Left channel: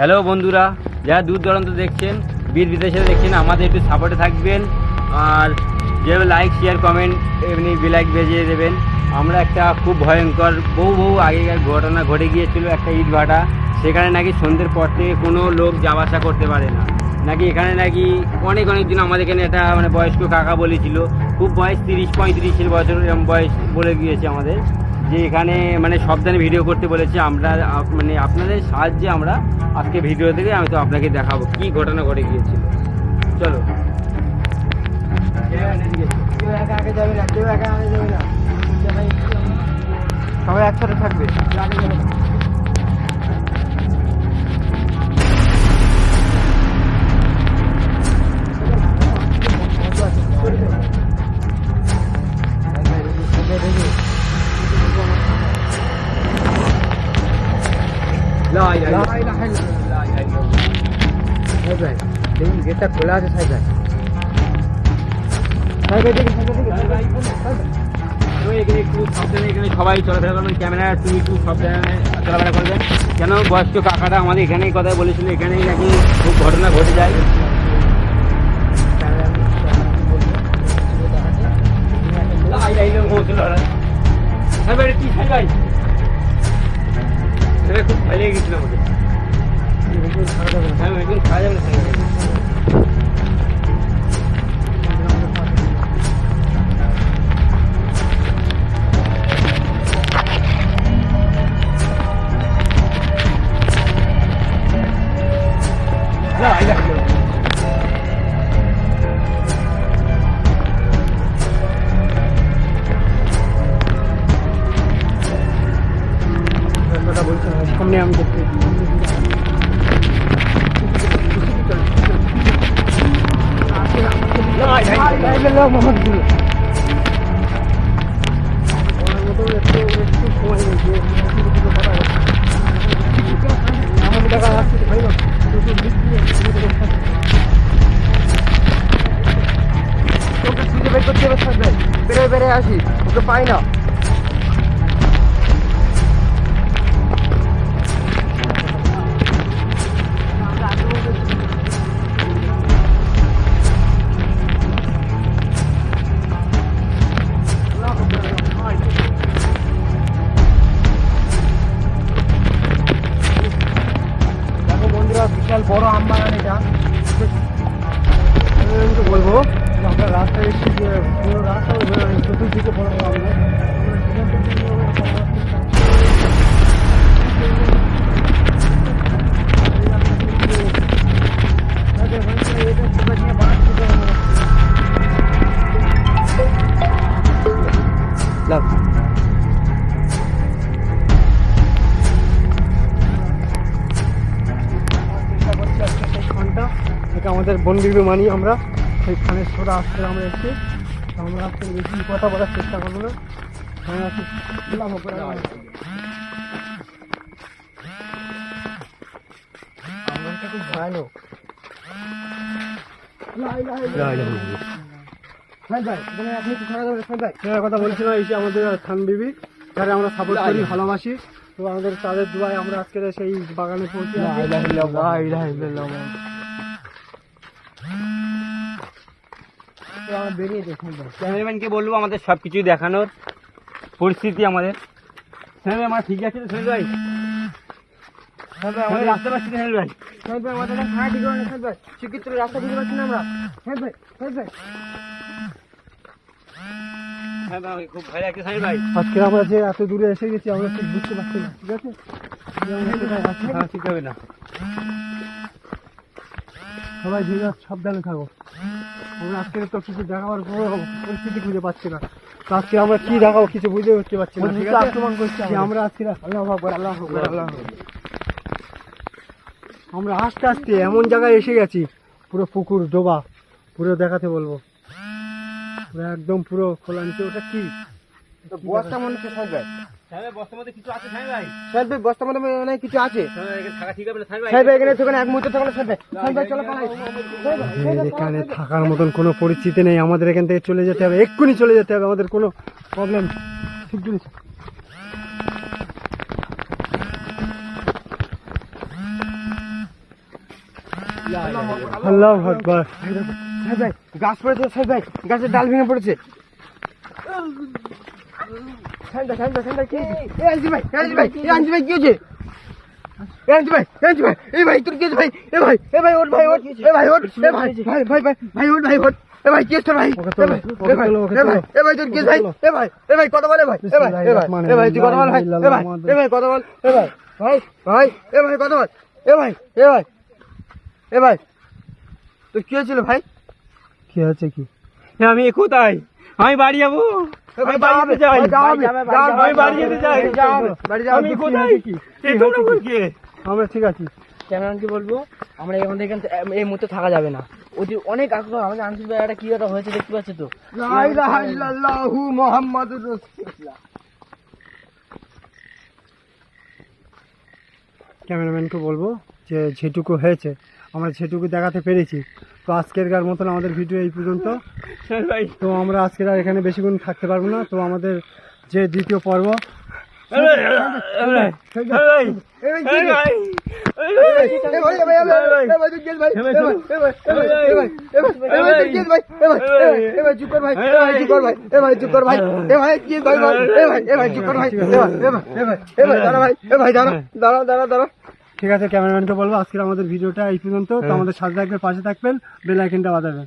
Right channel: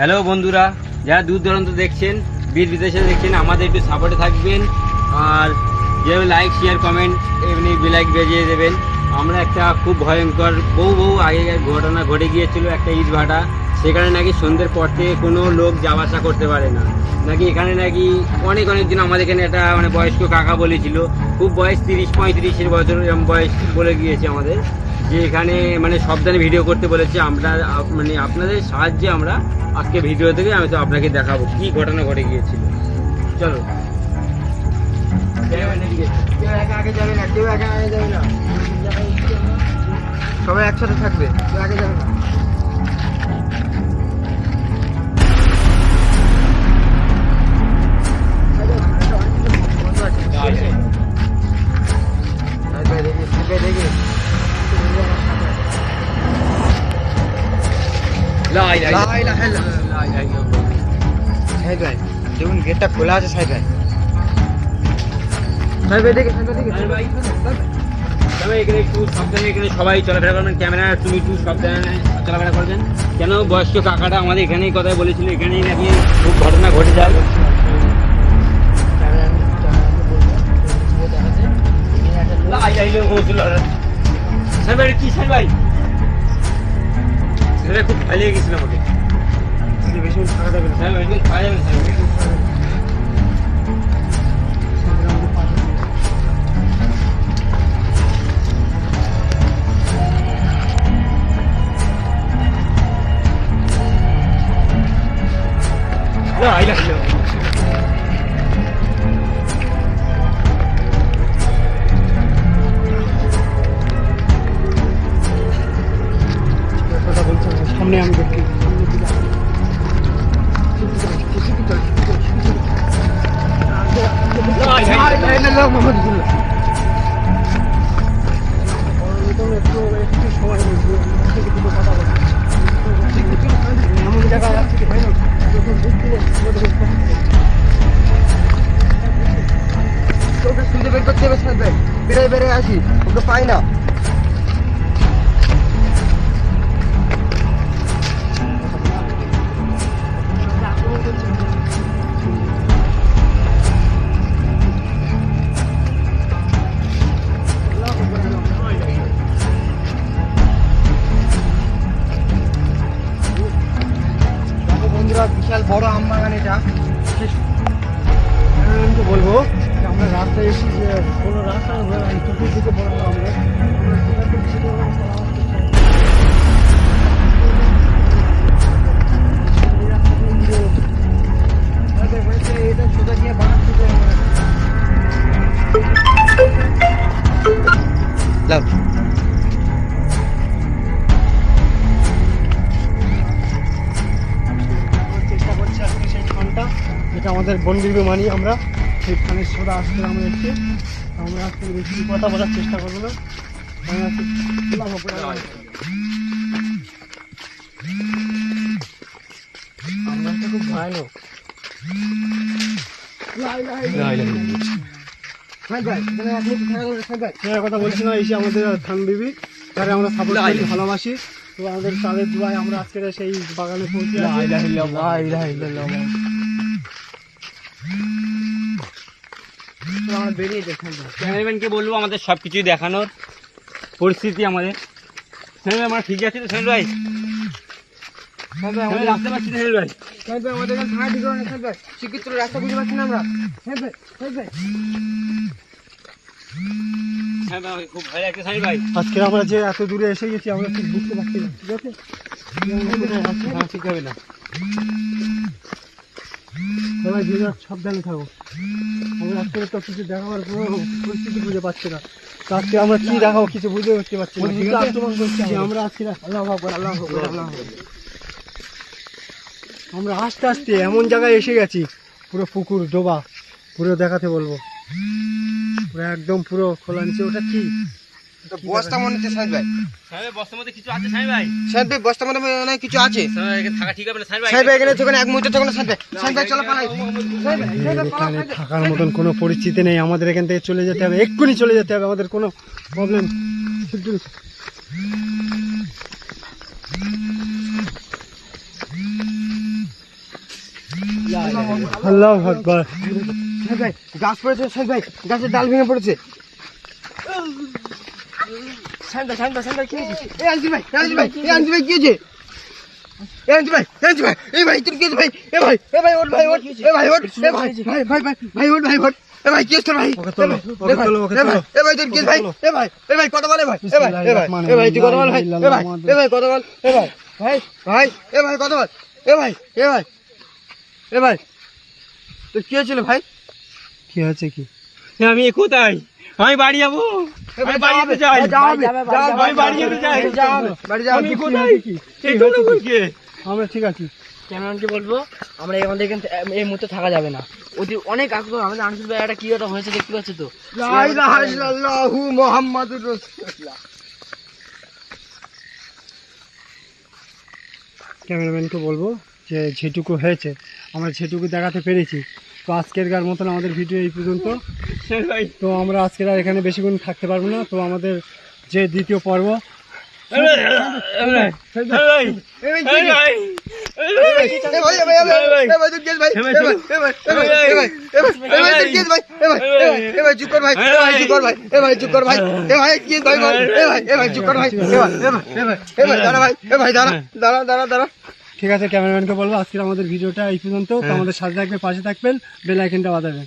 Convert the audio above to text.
Hello বন্ধুরা, যারা দূর দূরান্ত দেখছেন, বিদেশ বিদেশে দেখছেন, আমাদের একটু সাপোর্টে থাকবেন আর যেভাবে লাইক শেয়ার কমেন্ট এমনি বেলাইক বেজিয়ে দেবেন। আমরা একটা খুব ভয়ঙ্কর বহু আগেকার ঘটনা ঘটে গিয়েছিল, একটা ইট ভাটা। সেখানে নাকি সন্ধ্যের পর থেকে কোনো লোক যাওয়া আসা করতে পারে না, নাকি এখানে নাকি অনেক দিন আমাদের এখানে একটা বয়স্ক কাকা বলেছিল, খুব বয়স 30-35 বছর এরকম বয়স বলে গিয়েছে আমাদের, যে এখানে সাবধানে ভিডিও করতে বলেছে। আমরা আপনাদের সাহায্যে আমরা আজকে ভিডিও থেকে আমি তো আপনাকে দেখাবো কি ঘটনা ঘটে গিয়েছিল। চলো। কেউ একা আগে যাবে না, সবাই একসাথে থাকবে, কেউ আগে যাবে না। দেখুন গেটটা খোলা আছে। এখানে সবাই চলাফেরা করবেন, ক্যামেরা তুমি একটু সাবধানে চলাফেরা করবেন। কেন বয়স্ক কাকাটা আমাদের এখানেই কথা বলেছিল, এখানেই নাকি খুব ঘটনা ঘটে যায়। কি স্যার ভাই, খুব ফেলিয়ে গেছিল আমাকে, বেশি খাওয়া যাবে না স্যার, বেশি খাওয়া যাবে না স্যার। বলছে না, সামনে আমি দেখি একটু সময় নেই যে দুটো কথা বলছি। আমাদের দেখা যাচ্ছে তো ভাই না, ওকে খুঁজে বের করতে হবে স্যার। যাই বেড়ে আসি, ওকে পাই না। দেখো বন্ধুরা, বিশাল বড় আম বাগান এটা। আমি বলবো যে আমরা রাস্তায় এসেছি, যে কোনো রাস্তা চতুর্দিকে বড় আম। চেষ্টা করছি আজকে সেই খানটা, যেটা আমাদের বনবিবি মানি আমরা, সেই খানের সোজা আসতে আমরা এসেছি। আমরা আজকে বেশি কথা বলার চেষ্টা করবো না, আমরা খুব ভয়ানক। কথা বলছি না, এসে আমাদের বনবিবি, তাকে আমরা সাপোর্ট করি, ভালোবাসি। তো আমাদের তাদের দুয়ায় আমরা আজকে সেই বাগানে পৌঁছে বেরিয়ে দেখেন। ক্যামেরাম্যানকে বলবো আমাদের সবকিছুই দেখানোর পরিস্থিতি আমাদের। স্যার আমার ঠিক আছে তো স্যার ভাই? আমাদের রাস্তা পাচ্ছি না স্যার ভাই। আমাদের এখানে থানা ঠিক আছে স্যার ভাই, শিক্ষিত রাস্তা বুঝতে পারছি না আমরা। স্যার ভাই খুব ভয় লাগছে স্যার ভাই। আজকে আমরা যে এত দূরে এসে গেছি, আমরা ঠিক বুঝতে পারছি না। ঠিক আছে, ঠিক হবে না। সবাই সাবধানে থাকো। আমরা আজকে তো কিছু দেখাবার কোনো পরিস্থিতি খুঁজে পাচ্ছি না। তো আজকে আমরা কি দেখাবো কিছু বুঝতে উঠতে পারছি না। ঠিক আছে, আক্রমণ করছি আমরা আজকে। আল্লাহু আকবার, আল্লাহু আকবার, আল্লাহু আকবার। আমরা আস্তে আস্তে এমন জায়গায় এসে গেছি, পুরো পুকুর ডোবা, পুরো দেখাতে বলবো, পুরো একদম পুরো খোলা নিচে। ওটা কি বস্তা মনে হচ্ছে সাহেব ভাই? বস্তার মধ্যে কিছু আছে সাহেব ভাই? সাহেব ভাই বস্তার মধ্যে অনেক কিছু আছে। থাকা ঠিক হবে না সাহেব ভাই? সাহেব ভাই এখানে থেকে এক মুহূর্তে থেকে সাহেব ভাই চলো পালাই। এখানে থাকার মতন কোনো পরিস্থিতি নেই, আমাদের এখান থেকে চলে যেতে হবে, এক্ষুনি চলে যেতে হবে, আমাদের কোনো প্রবলেম। আল্লাহু আকবার। সাহেব ভাই গাছ পড়েছে, সাহেব ভাই গাছের ডাল ভেঙে পড়েছে। সাহেব ভাই কি হয়েছে? এই আনজি ভাই কি হয়েছে? এই আনজি ভাই, এই ভাই তোর কি হয়েছে ভাই? এ ভাই ওঠ ভাই, ওঠ এ ভাই, ওঠ এ ভাই, ওঠ ভাই, ওঠ এ ভাই, কি হয়েছে ভাই? ওকে তোলো, ওকে তোলো, ওকে তোলো। এ ভাই তোর কি হয়েছে ভাই? এ ভাই কথা বলে ভাই, এ ভাই তুই কথা বল ভাই, এ ভাই কথা বল, এ ভাই এ ভাই কথা বল, এ ভাই তোর কি হয়েছিল ভাই? কি হয়েছে কি? আমি কোথায়? আমি বাড়ি যাবো, আমি বাড়ি যেতে চাই, আমি বাড়ি যেতে চাই। আমি কোথায়? এই তোমরা কই কে? আমরা ঠিক আছি। ক্যামেরাম্যানকে বলবো আমরা এখান থেকে এই মুহূর্তে থাকা যাবে না, ওদের অনেক আগ্রহ। আমাদের আনসুল ভাই একটা কি একটা হয়েছে দেখতে পাচ্ছ তো। লা ইলাহা ইল্লাল্লাহু মুহাম্মাদুর রাসূলুল্লাহ। ক্যামেরাম্যানকে বলবো যে যেটুকু হয়েছে আমরা যেটুকু দেখাতে পেরেছি। তো আজকের মতন আমাদের ভিডিও এই পর্যন্ত। তো আমরা আজকের আর এখানে বেশিক্ষণ থাকতে পারবো না। তো আমাদের যে দ্বিতীয় পর্ব, ঠিক আছে ক্যামেরাম্যানকে বলবো আজকের আমাদের ভিডিওটা এই পর্যন্ত। তো আমাদের সাথে থাকবে, পাশে থাকবেন, বেল আইকনটা বাজাবেন।